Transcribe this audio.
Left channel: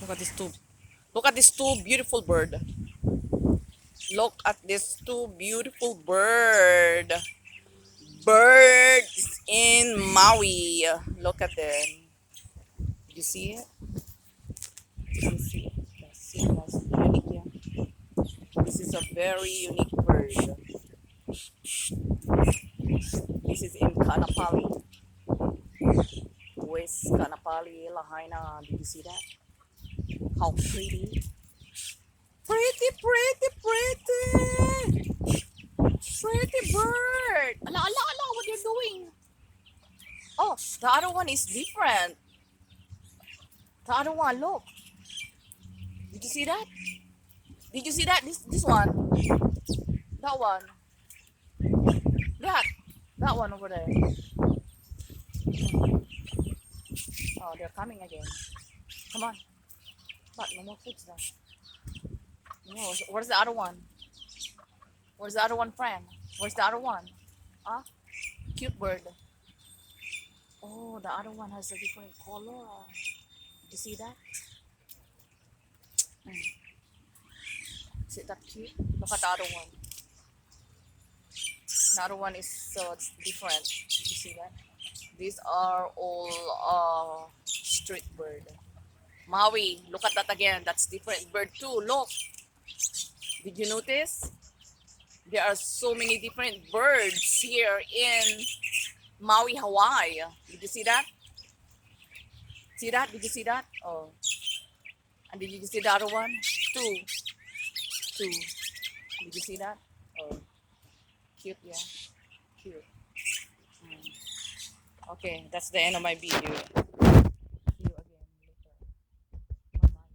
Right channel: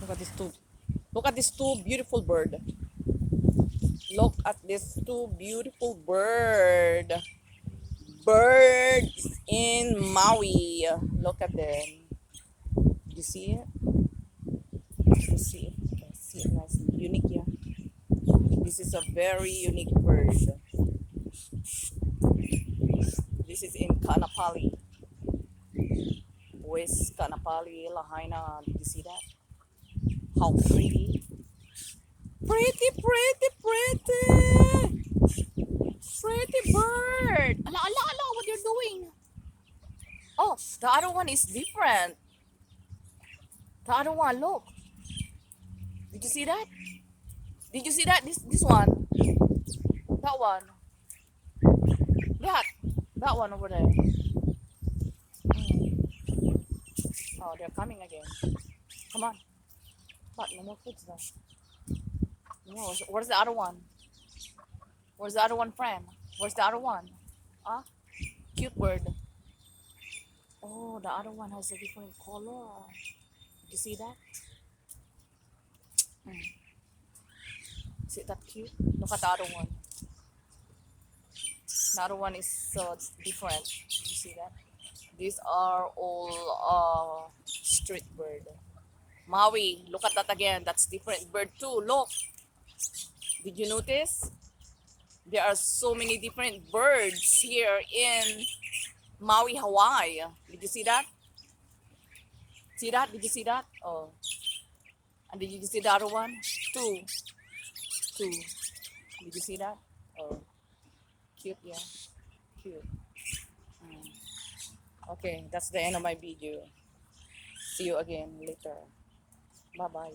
Look at this two. Look at this two beautiful bird. Look at this two beautiful bird. Birds in Maui. Look at them. You see it? You see it? Guys, see it, guys. Unique, yeah. This is a very unique bird. This is in Kanapali, West Kanapali, Lahaina. Did you see that? How pretty. Pretty, pretty, pretty. Pretty bird. Ala, ala, ala, what you're doing? Oh, the other one is different. The other one, look. Did you see that? Did you see that? This one. That one. That. That one over there. Oh, they're coming again. Come on. But no more foods now. No, where's the other one? Where's the other one, friend? Where's the other one? Huh? Cute bird. Oh, the other one has a different color. Did you see that? Is it that cute? Look at the other one. The other one is so different. Did you see that? These are all street bird. Maui, look at that again. That's different bird too. Look. Did you notice? There are so many different birds here in Maui, Hawaii. Did you see that? See that? Did you see that? Oh. And did you see the other one? Two. Two. Did you see that? Oh. Cute, yeah. Cute. Okay, that's the end of my video. See you again later.